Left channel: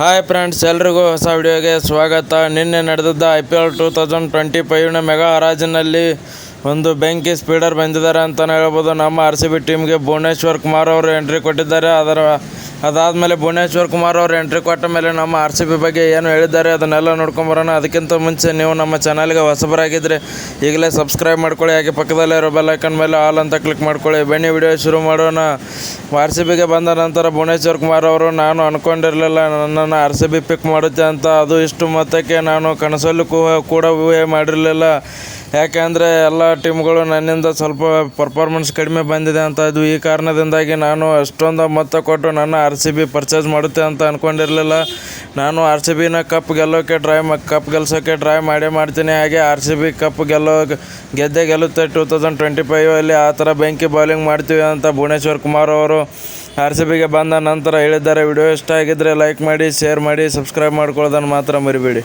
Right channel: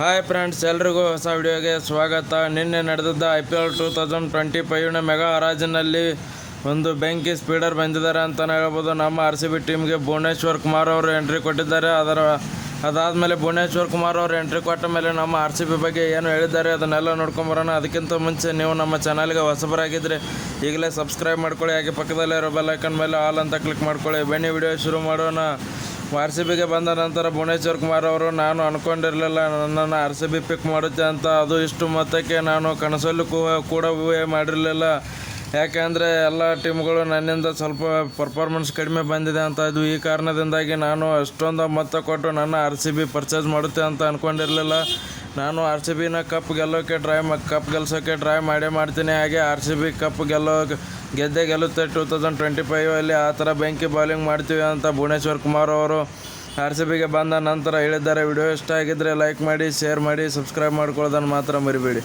Hi friends, ಎಲ್ರಿಗೂ ಹೊಸ ವಿಡಿಯೋಗೆ ಸ್ವಾಗತ. ನಿನ್ನೆ ನಡೆದಿದ್ದ IPL 2025ನ ಮೆಗಾ ಹರಾಜಿನಲ್ಲಿ ಒಂದು ಬೆಂಕಿ ಸ್ಪೀಡರ್ ಬಂದಿದ್ದಾರೆ ಅಂತಲೇ ಹೇಳ್ಬೋದು. ನಮ್ಮ RCB ಟೀಮ್ಗೆ ಭುವನೇಶ್ವರ್ ಕುಮಾರ್ ಅವರು ಎಂಟ್ರಿ ಕೊಟ್ಟಿದ್ದಾರೆ. ಅದಾದಮೇಲೆ ಭುವನೇಶ್ವರ್ ಕುಮಾರ್ ಅವರು ಎಂಟ್ರಿ ಕೊಟ್ಟ ಮೇಲೆ ನಮ್ಮ RCB ಬಗ್ಗೆ ಏನು ಹೇಳಿದ್ದಾರೆ ಅದನ್ನೆಲ್ಲ ನೋಡ್ಕೊಂಬರೋಣ. ಅದಕ್ಕಿಂತ ಮುಂಚೆ ನೀವು ನಮ್ಮ ಚಾನಲ್ಗೆ ಹೊಸಬರಾಗಿದ್ದರೆ ಈಗಲೇ ಸಬ್ಸ್ಕ್ರೈಬ್ ಮಾಡ್ಕೊಳ್ಳಿ, ಹಾಗೆ ಪಕ್ಕದಲ್ಲಿರೋ ಬೆಲ್ ಐಕನ್ ಮೇಲೆ ಆಲ್ ಅಂತ ಕ್ಲಿಕ್ ಮಾಡ್ಕೊಳ್ಳಿ. ಬನ್ನಿ ವಿಡಿಯೋ ಶುರು ಮಾಡೋಣ. RCBಗೆ ಬಂದ ನಂತರ ಭುವನೇಶ್ವರ್ ಕುಮಾರ್ ಅವರು, ನಾನು ಅಂದ್ಕೊಂಡಿರಲಿಲ್ಲ ನನ್ನನ್ನು RCB ಪಿಕ್ ಮಾಡುತ್ತೆ ಅಂತ. ಅದು ಇಷ್ಟು ಮೊತ್ತಕ್ಕೆ ನಾನು ಕನಸಲ್ಲೂ ಕೂಡ ಊಹೆ ಮಾಡಿರಲಿಲ್ಲ. ಯಾಕೆಂದರೆ ಎಲ್ಲ ಟೀಮ್ಗಳು ನನ್ನಿಂದ ಸ್ವಲ್ಪ ಪರ್ಫಾರ್ಮೆನ್ಸ್ ಕಡಿಮೆ ಬಂದಿದೆ ಅಂತ ಇದ್ವು. ಈ ಕಾರಣದಿಂದಾಗಿ ನಾನು ಅಷ್ಟೊಂದು ಮೊತ್ತ ಕೊಟ್ಟು ನನ್ನ RCB ಪರ್ಚೇಸ್ ಮಾಡುತ್ತೆ ಅಂತ ಅಂದ್ಕೊಂಡಿರಲಿಲ್ಲ. ನಾನು RCBನ ಕಪ್ ಗೆಲ್ಸೋಕ್ಕೆ ಟ್ರೈ ಮಾಡ್ತೀನಿ. ಹಾಗೆ RCB ಕಪ್ ಗೆಲ್ಲುತ್ತೆ 2025ಅಲ್ಲಿ. ಆ ಥರ ಬೆಂಕಿ ಬೌಲಿಂಗ್ ಮಾಡ್ತೀವಿ ಅಂತ ಭುವನೇಶ್ವರ್ ಕುಮಾರ್ ಅವರು RCBಗೆ ಬಂದ ನಂತರ ಹೇಳಿದ್ದಾರೆ. ವಿಡಿಯೋ ಇಷ್ಟ ಆಗಿದ್ದರೆ ಲೈಕ್ ಮಾಡಿ, ಶೇರ್ ಮಾಡಿ, ಸಬ್ಸ್ಕ್ರೈಬ್ ಮಾಡ್ಕೊಳ್ಳೋದನ್ನು ಮಾತ್ರ ಮರಿಬೇಡಿ.